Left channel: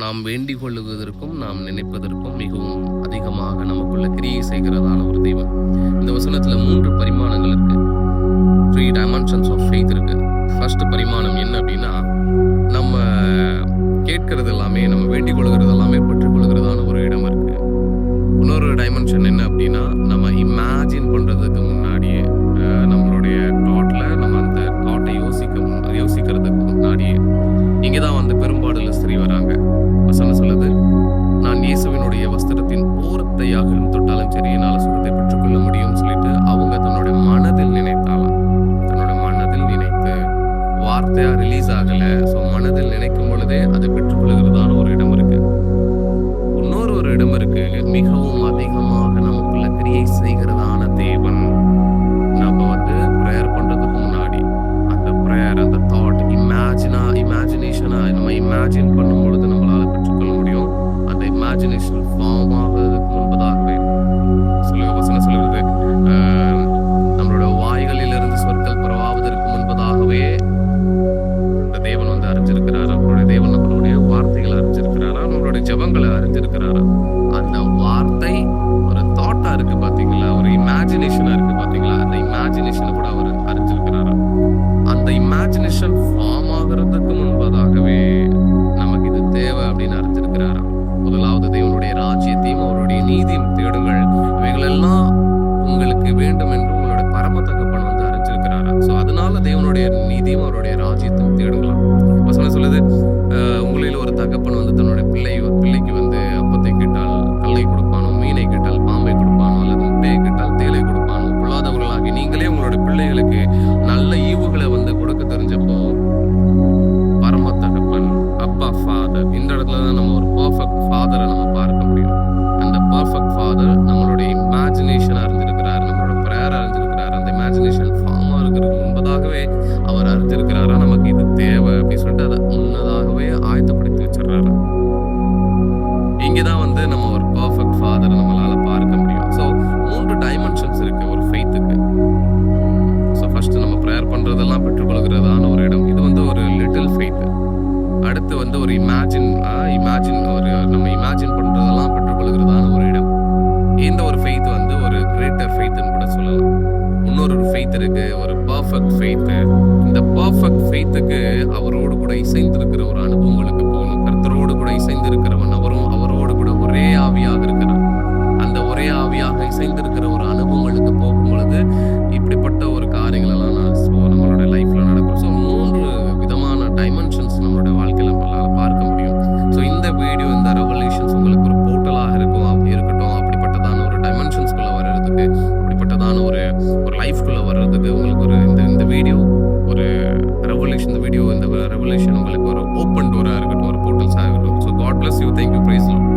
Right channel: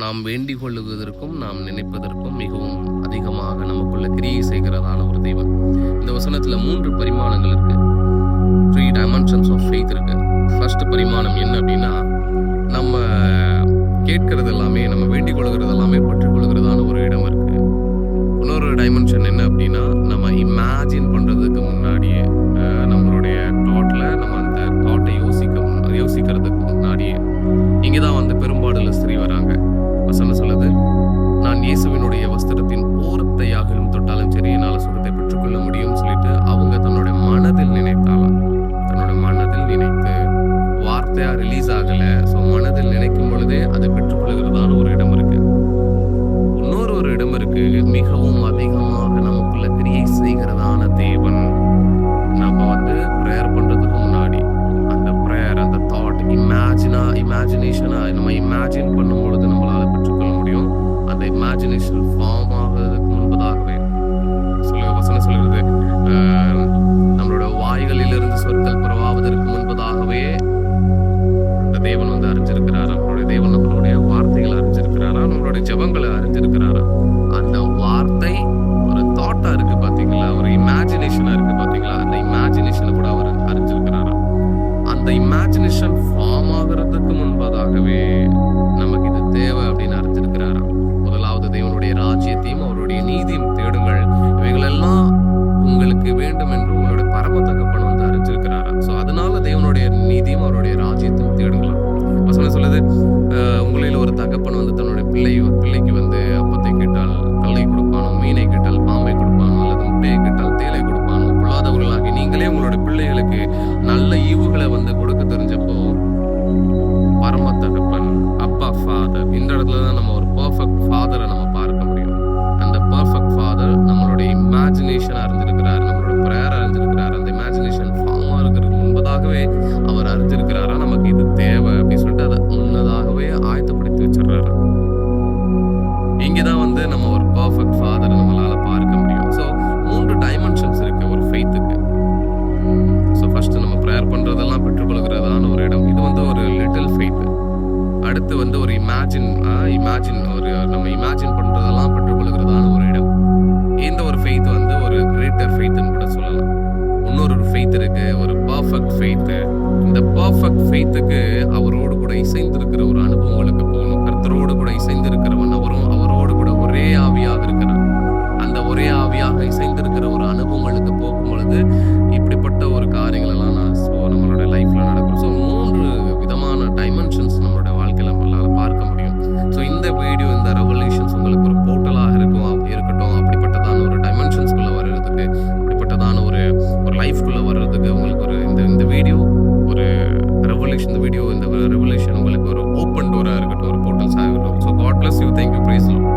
நாம் வேண்டிக் கொள்ளுவதற்கும் நாம் நினைப்பதற்கும் மிகவும் அதிகமாக நமக்குள்ள கிரியை செய்கிறதான ஒரு தெய்வம். இந்த வசனத்துல 3 பரிமாணங்கள் இருக்கு. 3 dimensions of faith இருக்கு. ஃபர்ஸ்ட் பரிமாணம் என்ன அப்படின்னா, நம்ம கேட்கிறது எல்லாமே, நம்ம வேண்டிக் கொள்கிறது எல்லாமே பெற்றுக் கொள்கிறதான ஒரு இடம் இருக்கு. இன்னொரு டைமென்ஷன் என்ன அப்படின்னா, நம்ம இமேஜின் பண்றதுக்கு முன்னாடியே நம்மளுடைய தாட்ல நம்ம அந்த தாட்டை யோசிக்கிறதுக்கு முன்னாடியே இங்கதான் பெரும்பாடுல ஸ்திரீ வராங்க. வசனம் சொல்லுது, நான் இயேசுவினுடைய வஸ்திரத்தின் ஓரத்தையாகிலும் தொட்டாலும் சரி என்னால சுகத்தை பெற்றுக்கொள்ள முடியும் சொல்லிட்டு அவங்க தன்னோட மனதில் நினைத்தாலாம். தன்னோட மனதில் நினைத்து வார்த்தையா ரிலீஸ் ஆகல. ஸோ மனதில் நினைக்கும் பொழுதே அதை பெற்றுக்கொள்கிறதான ஒரு இடம் இருக்கு. இன்னொரு ஒரு இடம் இருக்கு, மிகவும் அதிகமாக நமக்குள்ள கிரியை செய்கிறதான தேவன். நம்ம ப்ரேயர் பண்றதுக்கு முன்னாடி அந்த ப்ரேயர், அந்த தாட் இமேஜினேஷனா நம்ம இமேஜின் பண்ணும் பொழுது நம்மளால பெற்றுக்கொள்ள முடியும். அந்த இமேஜினேஷன் ஃபார்ம் ஆகுறதுக்கு முன்பதாகவே வசனம் சொல்லுறது, நம்மளோட வாய்களிலிருந்து சொற்கள் புறவாவதற்கு முன்பதாகவே அந்த தேவன் அறிஞ்சிருக்கிறாரா. நம்மளுடைய தேவன் நம்மளுடைய வார்த்தைகளை அறிஞ்சிருக்கிறாரா, நம்மளுடைய ஜெபங்களை அறிஞ்சிருக்கிறாரா. அந்த வார்த்தை ஒரு தாட்டா இருக்கு பாத்தீங்களா, ஒரு இமேஜினேஷனா இருக்கு பாத்தீங்களா, அந்த இமேஜினேஷனை கூட அவர் அறிஞ்சிருக்கிறாரா. அந்த இமேஜினேஷன் ஃபார்ம் ஆகிறதுக்கு முன்பதாகவே நமக்கு இது தேவை அப்படின்னு அறிஞ்சிருக்கிறாரா. முதலாவது தேவனுடைய ராஜ்யத்தையும் அவருடைய நீதியும் தேடுங்கள், இவைகளெல்லாம் உங்களுக்கு வேண்டும் என்று உங்களுடைய பரம தகப்பன் அறிஞ்சிருக்கிறாரா. ஸோ அதனால தேவனுடைய நீதியும் அவருடைய ராஜ்யத்தையும் தேடுங்களாம். வசனம் சொல்லுது, உங்களில் ஒரு தகப்பன் தன்னுடைய பிள்ளைக்கு அப்பத்தை கேட்டால் கல்லை கொடுப்பானோ, மீனை கேட்டால் பாம்பை கொடுப்பானோ, அல்லது முட்டையை கேட்டால் தேலை கொடுப்பானோ. பொல்லாதவர்களாகி நீங்களே உங்களுடைய பிள்ளைகளுக்கு நல்ல ஈவுகளை கொடுக்க தெரிஞ்சப்போ பரம தகப்பன், அப்பா, ஃபாதர், இந்த இடத்துல தான் நம்ம ஒரு பர்ஃபெக்ட் ஃபாதரை நம்ம பார்க்க முடியும். அந்த பர்ஃபெக்ட் ஃபாதர் நம்மளுடைய இமேஜினேஷன் அறிஞ்சிருக்கிறார், நம்மளோட ப்ரேயர் அறிஞ்சிருக்கிறார். அந்த இமேஜினேஷன் ஃபார்மா இருக்கிறதுக்கு முன்பதாகவே அவர் அறிஞ்சிருக்கிறாரா, நமக்கு இது தேவை அப்படின்னு சொல்லிட்டு அதை முன்னதாகவே ஆயத்தப்படுத்தி வச்சிடறாரா. இங்கதான் நம்ம ஒரு பர்ஃபெக்ட் ஃபாதரை நம்மளால பார்க்க முடியும். ஸோ 3 டைமென்ஷன்ஸ் இருக்கு ஒரு ஃபெய்த்துக்கு. ஸோ ஃபர்ஸ்ட் நம்ம ப்ரேயர் பண்றதெல்லாம் பெற்றுக்கொள்கிறதான ஒரு இடம். இது ஒரு லிட்டில் ஃபெய்த். அடுத்து ஒரு இமேஜின் ஒரு நம்ம இமேஜின் பண்றதெல்லாம் பெற்றுக்கொள்கிறதான ஒரு இடம். இந்த ஒரு ஃபெய்த் ஒரு கிரேட்டர் ஃபெய்த்னு கூட சொல்லலாம். இன்னொரு ஃபெய்த் இருக்கு, ஒரு பர்ஃபெக்ட் ஃபெய்த். இந்த பர்ஃபெக்ட் ஃபெய்த்துக்கு அவரோடு கூட இசைந்திருக்கிற ஒரு அனுபவங்களுக்கு போகணும். கர்த்தரோடு கூட இசைந்திருக்கிறவன் அவரோடு கூட ஒரே ஆவியாக இருக்கிறான். அந்த ஒரே ஆவியாக இசைந்திருக்கிற ஒரு அனுபவங்களுக்கு போகும் பொழுது இப்படிப்பட்ட ஒரு காரியங்கள் எல்லாம் நம்மளோட லைஃப்ல நடக்கும். ஸோ 3 விதமான டைமென்ஷன்ஸ் நம்மளோட வாழ்க்கையில நம்மளால பார்க்க முடியும். ஸோ இந்த வீடியோ, இந்த ரெவல்யூஷன்ஸ் உங்களுக்கு ஒரு போர்ட்டலாக இருக்கட்டும். அப்படிப்பட்டதான ஒரு டைமென்ஷன்ஸ்குள்ள வர்றதுக்கு, அப்படிப்பட்டதான ஒரு லைஃப்குள்ள வர்றதுக்கு உங்களுக்கு இந்த வீடியோ ஒரு ரெவல்யூஷன். இந்த ரெவல்யூஷன் உங்களுக்கு ஒரு ஓப்பன் டோரா இருக்கட்டும், ஒரு போர்ட்டல்ஸாக இருக்கட்டும். So God bless you. Thank you. Praise the Lord.